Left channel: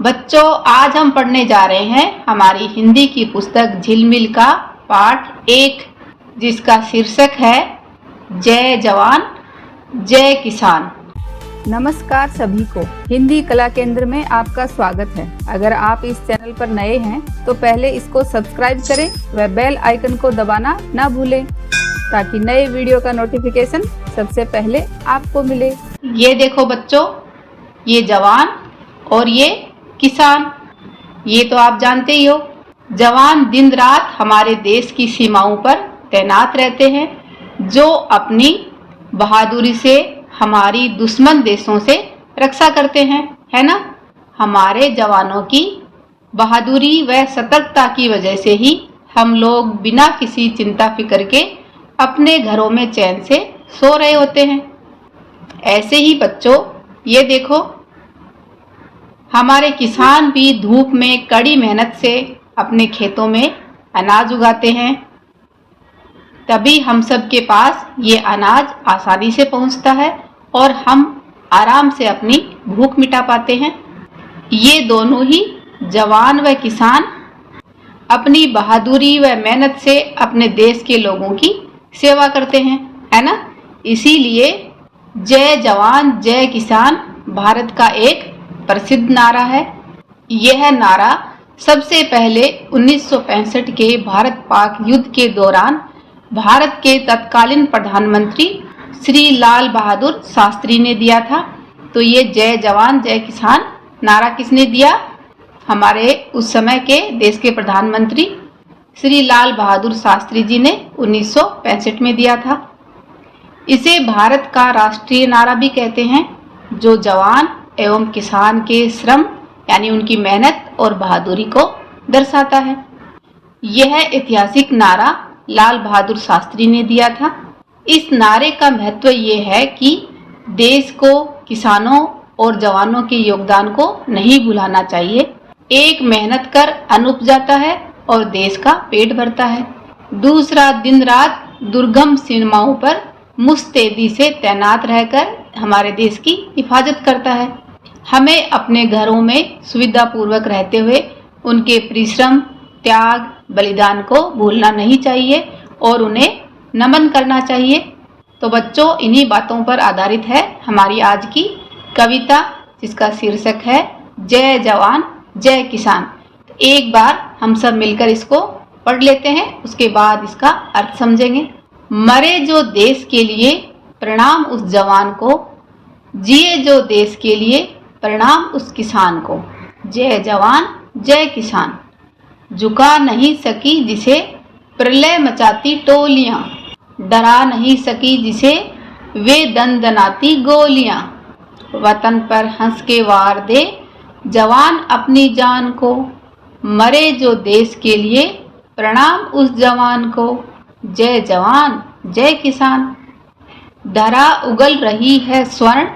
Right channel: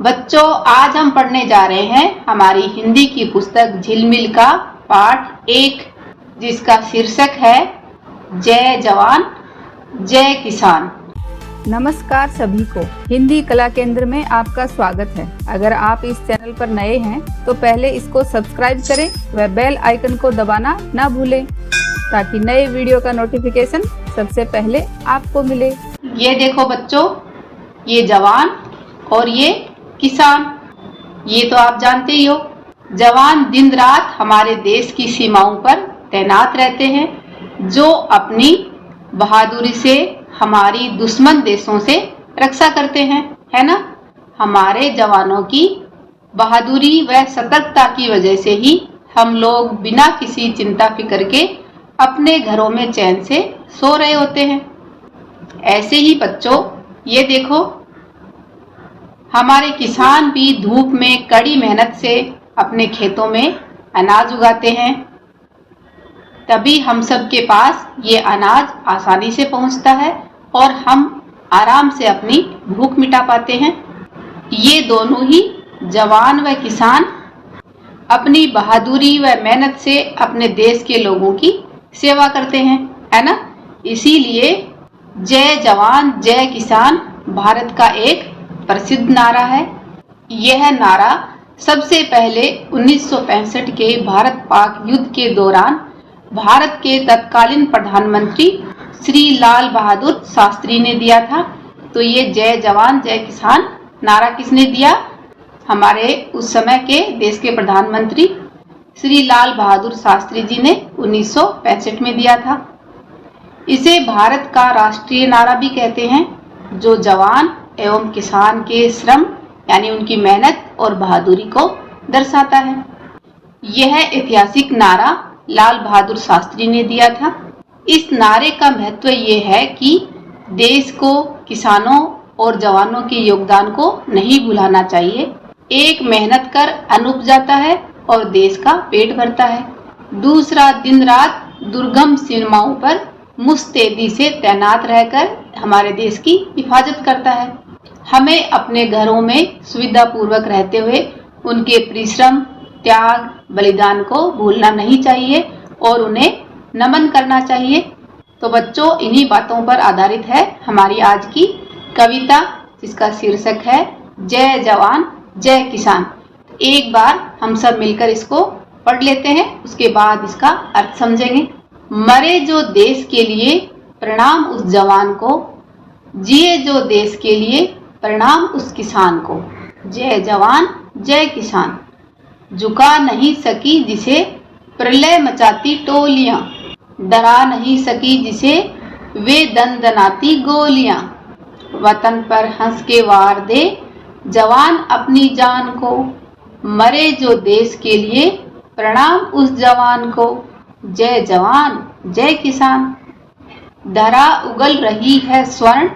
बच्चों, आज हम पढ़ने जा रहे हैं हमारी हिंदी की पुस्तक झिलमिल का पाठ 1, जिसका शीर्षक है जय जवान जय किसान। नमस्कार सभी को, हिंदी कला केंद्र में आपका स्वागत है। अगर आप इस चैनल पर नए हैं तो पहले इसको सब्सक्राइब करें व बेल आइकन को दबाना ना भूलें ताकि नए वीडियो का नोटिफिकेशन सबसे पहले आपको मिले। ये देखो बच्चों, ये जवान और ये किसान, ये तो आप जानते ही हो। जवान दिन रात हमारे देश की सीमाओं पर तैनात रहते हैं, जो अपनी बहादुरी से हमारी दुश्मन देशों से रक्षा करते हैं, है ना। हमारे जवानों की बहादुरी व सतर्कता की वजह से ही हम लोग बिना किसी चिंता फिक्र के अपने घरों में चैन से सो रहे होते हैं। ऐसे ही बच्चों, ये देखो, हमारे किसान भी धूप में कड़ी मेहनत से अपने खेतों में अनाज उगाते हैं, तभी हम सब के पास ये अनाज आसानी से पहुंचता है और हम आराम से अपनी भूख मिटा पाते हैं। ये दोनों ही जवान व किसान अपनी बहादुरी व मेहनत से अपने देश के लोगों की सेवा करते हैं, है ना। इसीलिए जय जवान जय किसान भारत का एक प्रसिद्ध नारा है। यह नारा सबसे पहले 1965 के भारत पाक युद्ध के दौरान भारत के तत्कालीन प्रधानमंत्री श्री लाल बहादुर शास्त्री ने दिया था। तो ये जय जवान जय किसान नारा किसने दिया? हमारे उस समय के देश के प्रधानमंत्री श्री लाल बहादुर शास्त्री जी ने 1965 में दिया था। इसे भारत का राष्ट्रीय नारा भी कहते हैं, जो जवान एवं किसान के श्रम यानी उनकी मेहनत और बहादुरी को दर्शाता है। यह ऐतिहासिक नारा लाल बहादुर शास्त्री ने दिया था। इस नारे का महत्व ये है कि देश को किसानों और जवानों के योगदान को नहीं भुलाना चाहिए। एक मेहनत कर अन्न उपजाता है और देश का पेट भरता है, दूसरा दिन रात दुर्गम सीमाओं पर मुस्तैदी से तैनात रहकर हमारे देश की हिफाजत करता है। हमें अपने घरों में सुविधा पूर्वक रहते हुए उनके परिश्रम, त्याग, बलिदान को भूलना नहीं चाहिए और उन्हें नमन करना चाहिए। तो बच्चों, इन्हीं बातों पर आधारित है हमारी आज की कविता, जिसका शीर्षक है जय जवान जय किसान। एक बार हम सब मिलकर इसको पढ़ लेते हैं, उसके बाद इसका अर्थ समझेंगे। मरे जो देश के लिए प्रणाम उस जवान को, जिए जो देश के लिए प्रणाम उस किसान को। जय जवान जय किसान। झुका नहीं सकी जिसे प्रलय मचाती टोलियां, डरा नहीं सकी जिसे वे दंदनाती गोलियां। वतन पर हंस के वार दे जवान अपनी जान को, मरे जो देश के लिए प्रणाम उस जवान को। जय जवान जय किसान। धरा उगल रही है स्वर्ण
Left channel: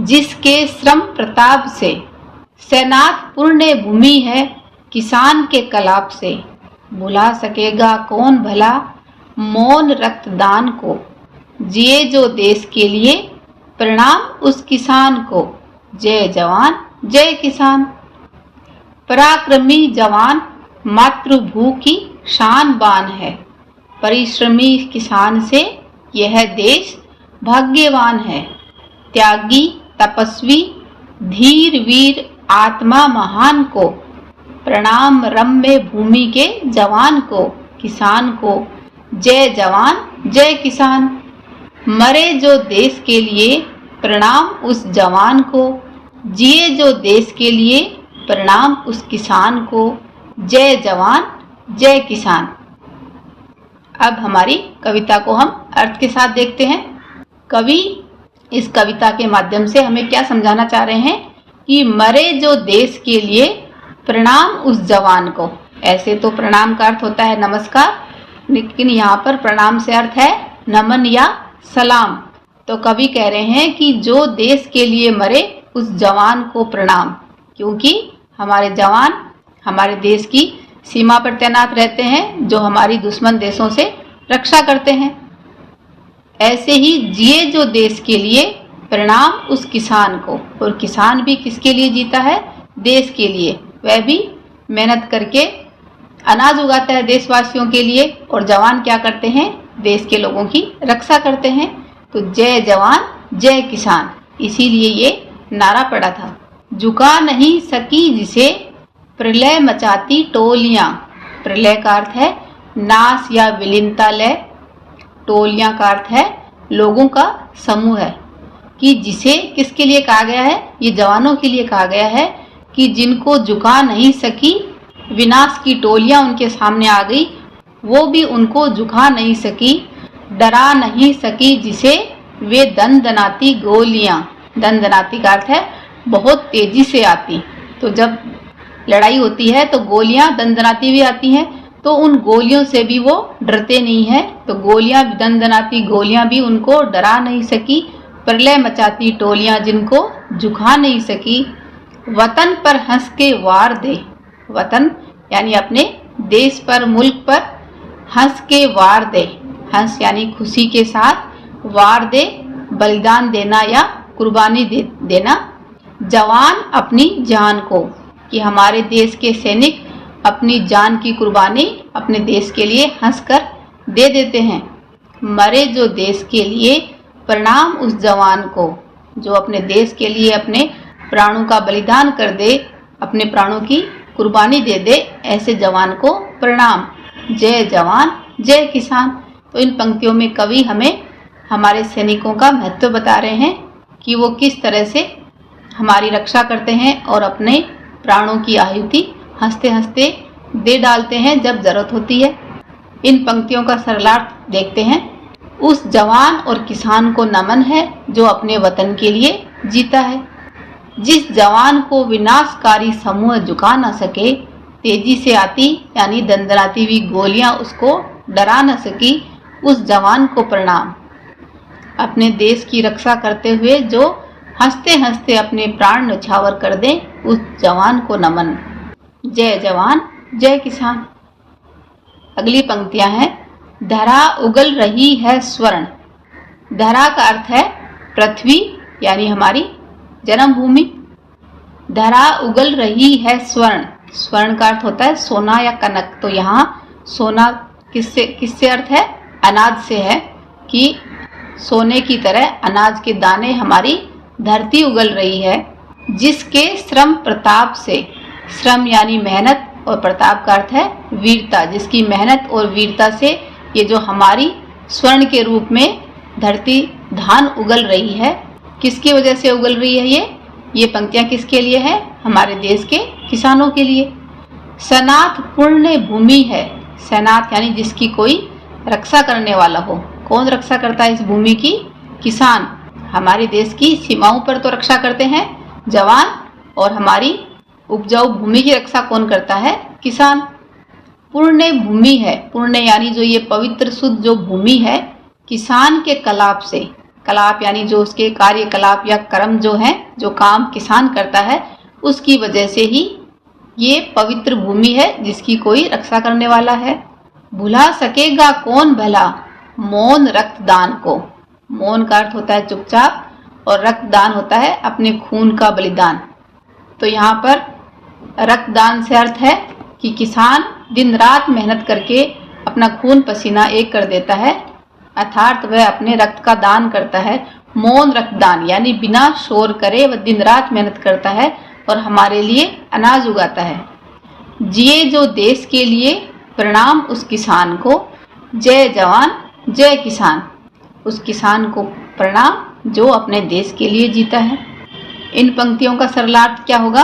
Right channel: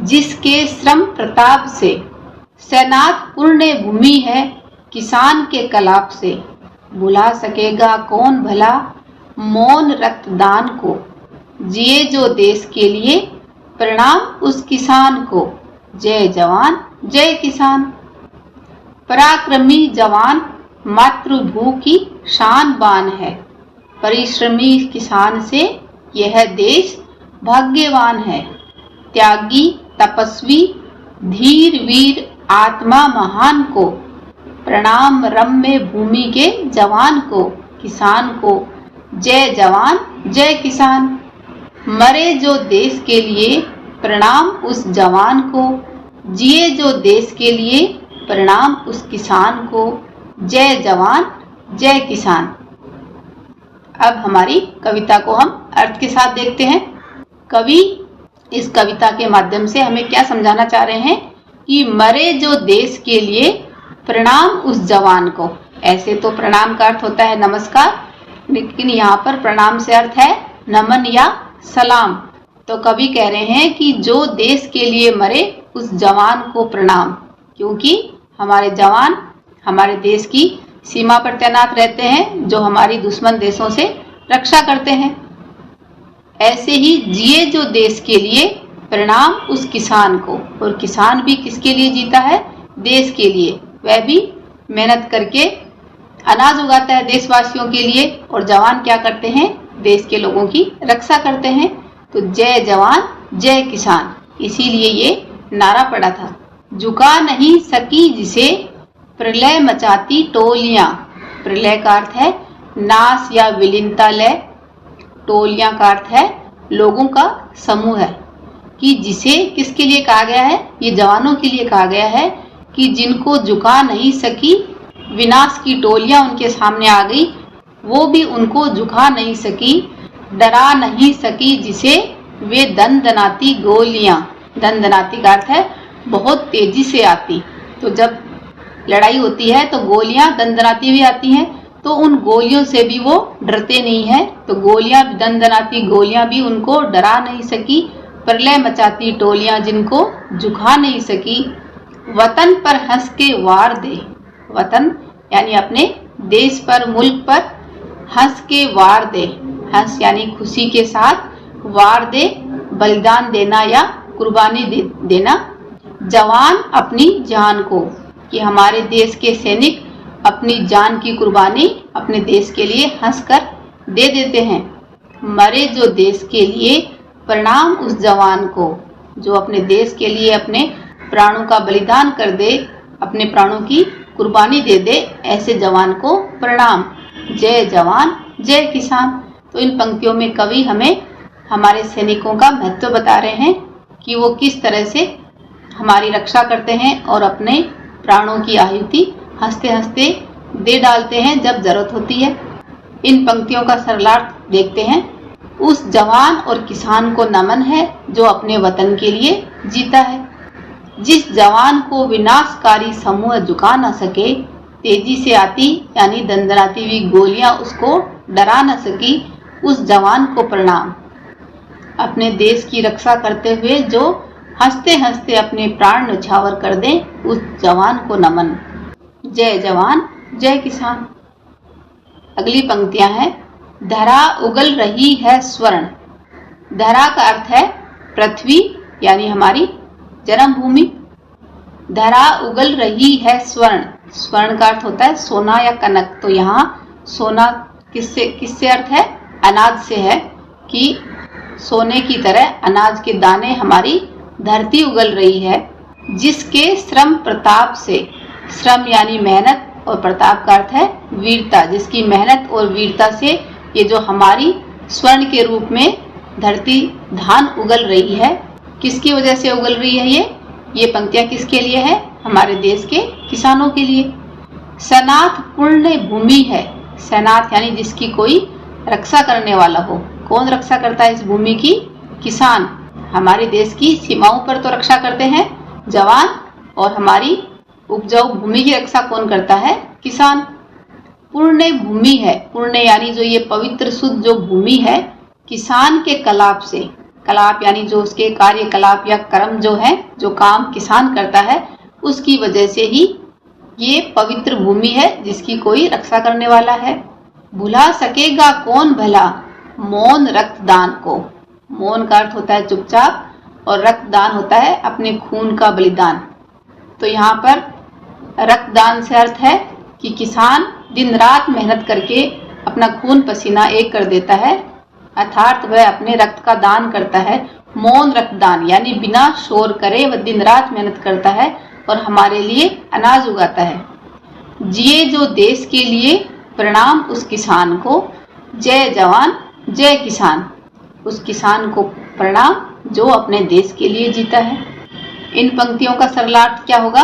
जिसके श्रम प्रताप से, सेनात पुण्य भूमि है किसान के कलाप से। बुला सकेगा कौन भला मौन रक्तदान को, जिए जो देश के लिए प्रणाम उस किसान को। जय जवान जय किसान। पराक्रमी जवान मातृभू की शान बान है, परिश्रमी किसान से यह देश भाग्यवान है। त्यागी तपस्वी धीर वीर आत्मा महान को, प्रणाम रम्य भूमि के जवान को किसान को। जय जवान जय किसान। मरे जो देश के लिए प्रणाम उस जवान को, जिए जो देश के लिए प्रणाम उस किसान को। जय जवान जय किसान। अब हमारी कविता को हम अर्थ के साथ देखते हैं। कवि इस कविता के माध्यम से हमें क्या समझाना चाह रहे हैं कि मरे जो देश के लिए प्रणाम उस जवान को। ऐसे तो प्रणाम का अर्थ होता है नमस्कार, लेकिन यहाँ पर प्रणाम से अर्थ है नमन या सलाम। तो कवि कह रहे हैं कि जो देश के लिए मरे उस जवान को प्रणाम, क्योंकि हमारे जवान हमारे देश की सीमा पर तैनात रहते हैं, जो हमारी दुश्मन देशों से रक्षा करते हैं। ऐसे ही जिए जो देश के लिए प्रणाम उस किसान को। और किसान भी किसके लिए जीता है? देश के लिए, वह भी मेहनत करके अनाज उगाता है देशवासियों के लिए, और जवान क्या करते हैं, देश के लोगों की रक्षा करते हैं। तो जय जवान जय किसान, इसीलिए ये नारा पड़ा था। झुका नहीं सकी जिसे प्रलय मचाती टोलियां, प्रलय का अर्थ है नाश या विलीनता लय, टोलियां का अर्थ है लोगों का समूह है, कि जिसे किसके लिए कहा गया है, ये जवानों के लिए कहा गया है कि जिनको झुका नहीं सकी, विनाश की टोलियां उनके सामने आ गई, वो भी उनको झुका नहीं सकी, डरा नहीं सकी जिसे वे दनदनाती गोलियां, दनदनाती का अर्थ है बहुत तेजी से आती। तो जब लड़ाई होती है तो गोलियां दनदनाती भी आती हैं, तो उन गोलियों से भी वो डरते नहीं है। तो गोलियां, दनदनाती गोलियां भी उनको डरा नहीं सकी, प्रलय मचाती टोलियां जिनको झुका नहीं सकी। वतन पर हंस के वार दे, वतन यानी अपने देश पर, मुल्क पर हंस के वार दे, हंस यानी खुशी के साथ, वार दे बलिदान देना या कुर्बानी देना, जवान अपनी जान को, कि हमारे देश के सैनिक अपनी जान की कुर्बानी अपने देश के लिए हंसकर दे देते हैं। मरे जो देश के लिए, प्रणाम उस जवान को जो अपने देश के लिए अपने प्राणों का बलिदान कर दे, अपने प्राणों की कुर्बानी दे दे, ऐसे जवान को प्रणाम। जय जवान जय किसान। तो इन पंक्तियों में कवि हमें हमारे सैनिकों का महत्व बता रहे हैं कि वो किस तरह से हमारी रक्षा करते हैं और अपने प्राणों की आहुति हंसते हंसते दे डालते हैं जब जरूरत होती है। इन पंक्तियों का सरलार्थ देखते हैं। उस जवान और किसान को नमन है जो अपने वतन के लिए जीता है। जिस जवान को विनाशकारी समूह झुका न सके, तेजी से आती यानी दंदनाती हुई गोलियां उसको डरा न सकी, उस जवान को प्रणाम। अपने देश की रक्षा करते हुए जो हंसते हंसते अपने प्राण न्यौछावर कर दे, उस जवान को नमन। जय जवान जय किसान। अगली पंक्तियां हैं। धरा उगल रही है स्वर्ण। धरा का अर्थ है पृथ्वी यानी हमारी जन्मभूमि। धरा उगल रही है स्वर्ण, स्वर्ण का अर्थ होता है सोना या कनक। तो यहाँ सोना किससे अर्थ है, अनाज से है, कि सोने की तरह अनाज के दाने हमारी धरती उगल रही है, जिसके श्रम प्रताप से, श्रम यानी मेहनत और प्रताप का अर्थ है वीरता, जिसकी मेहनत और वीरता से ये जो हमारी स्वर्ण के रूप में धरती धान उगल रही है। किसकी वजह से उगल रही है ये पंक्तियां किसके लिए है, हमारे देश के किसानों के लिए। सनाथ पुण्य भूमि है। सनाथ यानी जिसकी कोई रक्षा करने वाला हो। कौन रक्षा करता है इस भूमि की, किसान। हमारे देश की सीमाओं पर तो रक्षा करते हैं जवान, और हमारी उपजाऊ भूमि की रक्षा कौन करता है, किसान। पुण्य भूमि है, पुण्य यानी जो ये पवित्र शुद्ध जो भूमि है, किसान के कलाप से, कलाप यानी जो उसके कार्यकलाप या कर्म जो है, जो काम किसान करता है, उसकी वजह से ही ये पवित्र भूमि है जिसकी कोई रक्षा करने वाला है। भुला सकेगा कौन भला मौन रक्तदान को। मौन का अर्थ होता है चुपचाप, और रक्तदान होता है अपने खून का बलिदान। तो यहाँ पर रक्तदान से अर्थ है कि किसान दिन रात मेहनत करके अपना खून पसीना एक कर देता है, अर्थात वह अपने रक्त का दान करता है। मौन रक्तदान यानी बिना शोर करे वह दिन रात मेहनत करता है और हमारे लिए अनाज उगाता है। जिए जो देश के लिए प्रणाम उस किसान को। जय जवान जय किसान। उस किसान को प्रणाम जो अपने देश के लिए जीता है। इन पंक्तियों का सरलार्थ क्या होगा,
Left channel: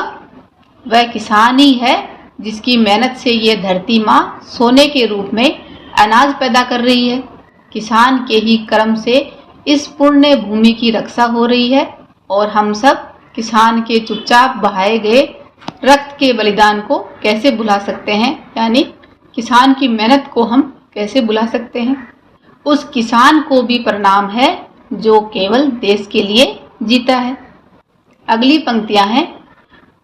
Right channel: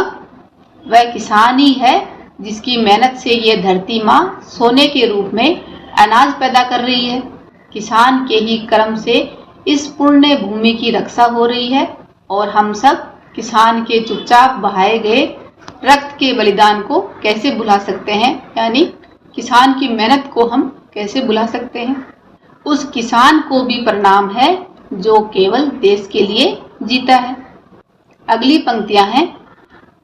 वह किसान ही है जिसकी मेहनत से ये धरती माँ सोने के रूप में अनाज पैदा कर रही है। किसान के ही कर्म से इस पुण्य भूमि की रक्षा हो रही है, और हम सब किसान के चुपचाप बहाए गए रक्त के बलिदान को कैसे भुला सकते हैं, यानी किसान की मेहनत को हम कैसे भुला सकते हैं। उस किसान को भी प्रणाम है जो केवल देश के लिए जीता है। अगली पंक्तियां हैं।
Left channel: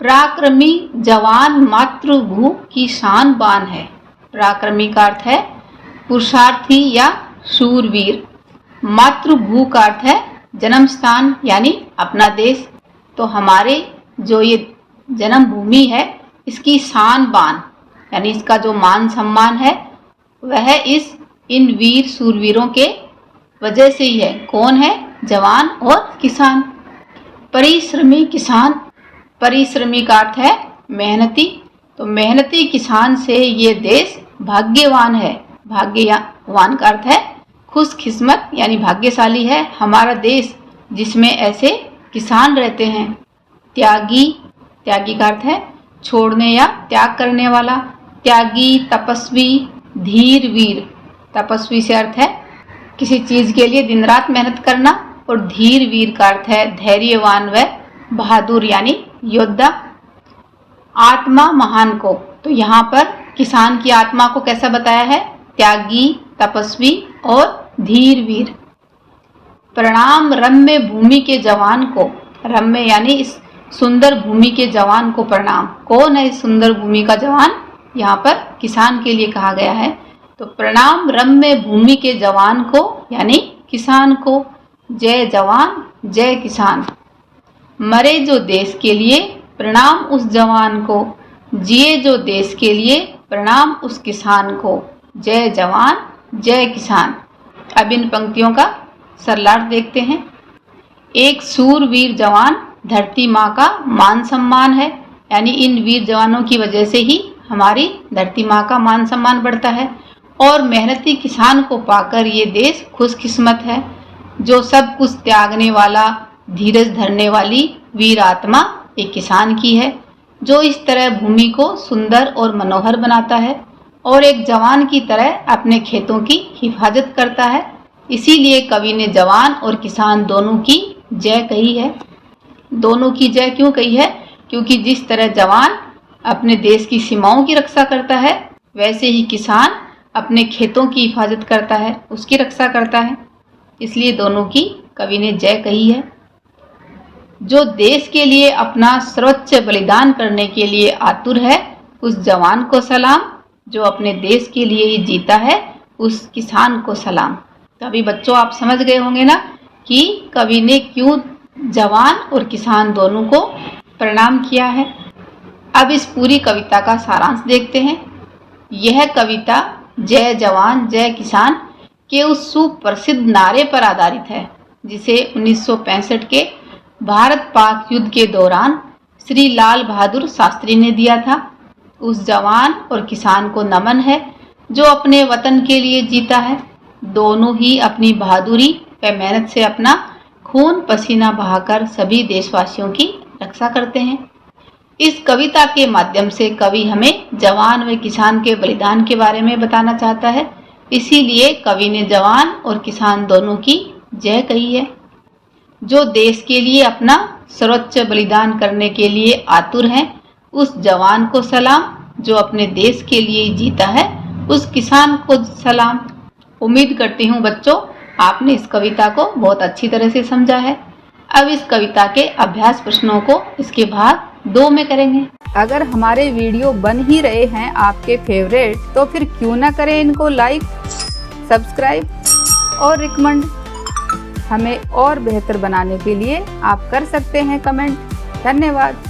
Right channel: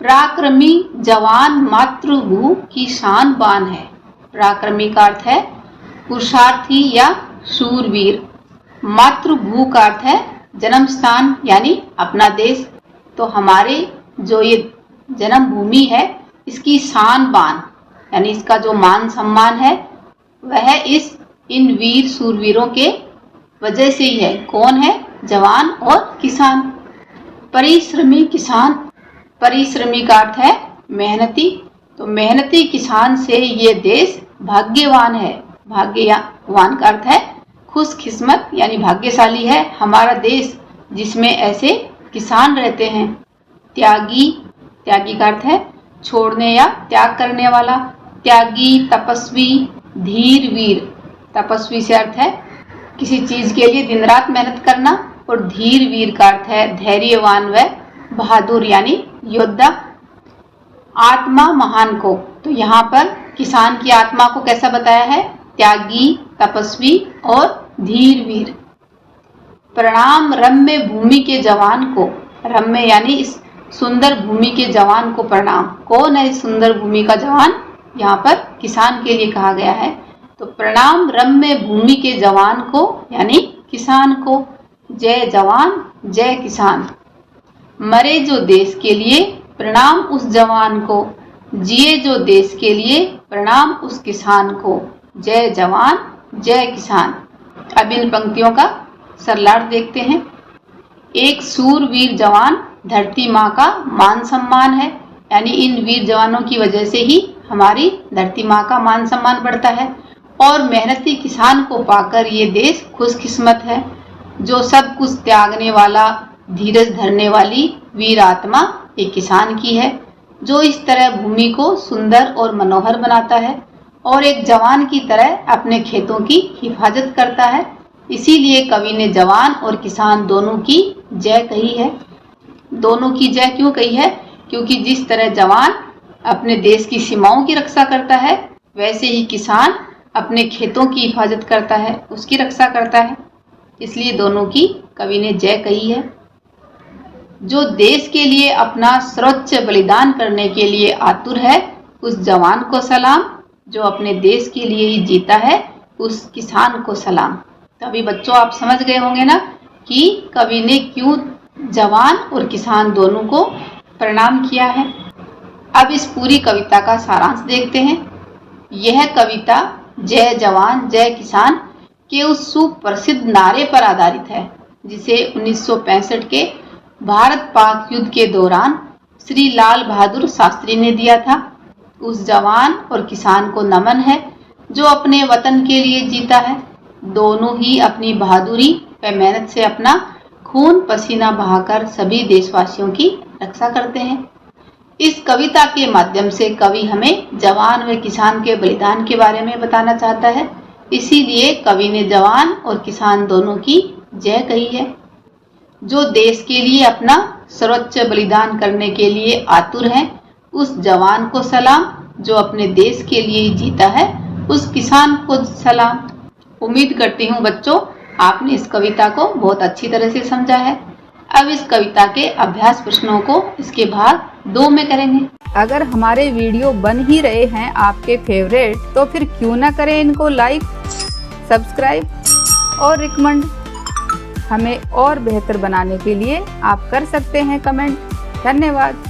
पराक्रमी जवान मातृभू की शान बान है। पराक्रमी का अर्थ है पुरुषार्थी या शूरवीर। मातृभू का अर्थ है जन्म स्थान यानी अपना देश। तो हमारे जो ये जन्मभूमि है, इसकी शान बान यानी इसका जो मान सम्मान है वह इन वीर सूरवीरों के वजह से ही है। कौन है? जवान और किसान। परिश्रमी किसान, परिश्रमी का अर्थ है मेहनती, तो मेहनती किसान से ये देश भाग्यवान है। भाग्यवान का अर्थ है खुशकिस्मत यानी भाग्यशाली है हमारा देश जिसमें ऐसे किसान रहते हैं। त्यागी, त्यागी का अर्थ है छोड़ने या त्याग करने वाला। त्यागी, तपस्वी, धीर, वीर। तपस्वी से अर्थ है किसी चीज के लिए दिन रात मेहनत करना, और धीर वीर का अर्थ है धैर्यवान व बहादुर यानी योद्धा। आत्मा महान को, तो यहाँ पर किसान की आत्मा को कैसा बताया है? त्यागी, तपस्वी और धीर वीर। प्रणाम रम्य भूमि के जवान को, रम्य यानी इस सुंदर भूमि के जवान को प्रणाम। कौन है इस सुंदर भूमि का जवान? यहाँ पर किसान के लिए कहा गया है। तो प्रणाम रम्य भूमि के जवान को यानी किसान को। जय जवान जय किसान। मरे जो देश के लिए प्रणाम उस जवान को, जिए जो देश के लिए प्रणाम उस किसान को। जय जवान जय किसान। अब इन पंक्तियों का सरलार्थ देखते हैं। एक सूरवीर जवान धरती माँ का मान सम्मान है, यानी इन वीर जवानों की वजह से ही हमारी धरती माँ का मान सम्मान बढ़ता है। और मेहनती किसान को पाकर ये देश खुशकिस्मत है। जो सब कुछ त्यागने वाला, धीरज धरने वाली वीर आत्मा एक किसान की है, जो इस तरह भूमि को सुंदर और मनोहर बनाता है और एक जवान की तरह अपने खेतों की हिफाजत करता है। इसीलिए कवि ने जवान और किसान दोनों की जय कही है। दोनों की जय क्यों कही है? क्योंकि जिस तरह जवान अपने देश की सीमाओं की रक्षा करता है, वैसे ही किसान अपने खेतों की हिफाजत करता है, उसकी रक्षा करता है। इसलिए दोनों की कवि ने जय कही है। जो देश के लिए अपना सर्वोच्च बलिदान करने के लिए आतुर है, उस जवान को सलाम। जो अपने देश के लिए ही जीता है, उस किसान को सलाम। तो अभी बच्चों आप समझ गए होंगे ना कि कवि ने क्यों जवान और किसान दोनों को प्रणाम किया है। अब इस पूरी कविता का सारांश देखते हैं। यह कविता जय जवान जय किसान के उस सुप्रसिद्ध नारे पर आधारित है जिसे 1965 के भारत पाक युद्ध के दौरान श्री लाल बहादुर शास्त्री ने दिया था। उस जवान और किसान को नमन है जो अपने वतन के लिए जीता है। दोनों ही अपनी बहादुरी व मेहनत से अपना खून पसीना बहाकर सभी देशवासियों की रक्षा करते हैं। इस कविता के माध्यम से कवि हमें जवान व किसान के बलिदान के बारे में बताना चाहता है। इसीलिए कवि ने जवान और किसान दोनों की जय कही है। जो देश के लिए अपना सर्वोच्च बलिदान करने के लिए आतुर हैं, उस जवान को सलाम। जो अपने देश के लिए जीता है, उस किसान को सलाम। उम्मीद करती हूँ बच्चों आपने इस कविता को बहुत अच्छी तरह से समझा है। अब इस कविता के अभ्यास प्रश्नों को इसके भाग 2 में करेंगे। अगर हमारे वीडियो बन ही रहे हैं आपके फेवरेट, तो फिर क्यों ना करें इनको लाइक, सब्सक्राइब और रिकमेंड। हमें और बेहतर बनाने के लिए आप कर सकते हैं कमेंट। धन्यवाद।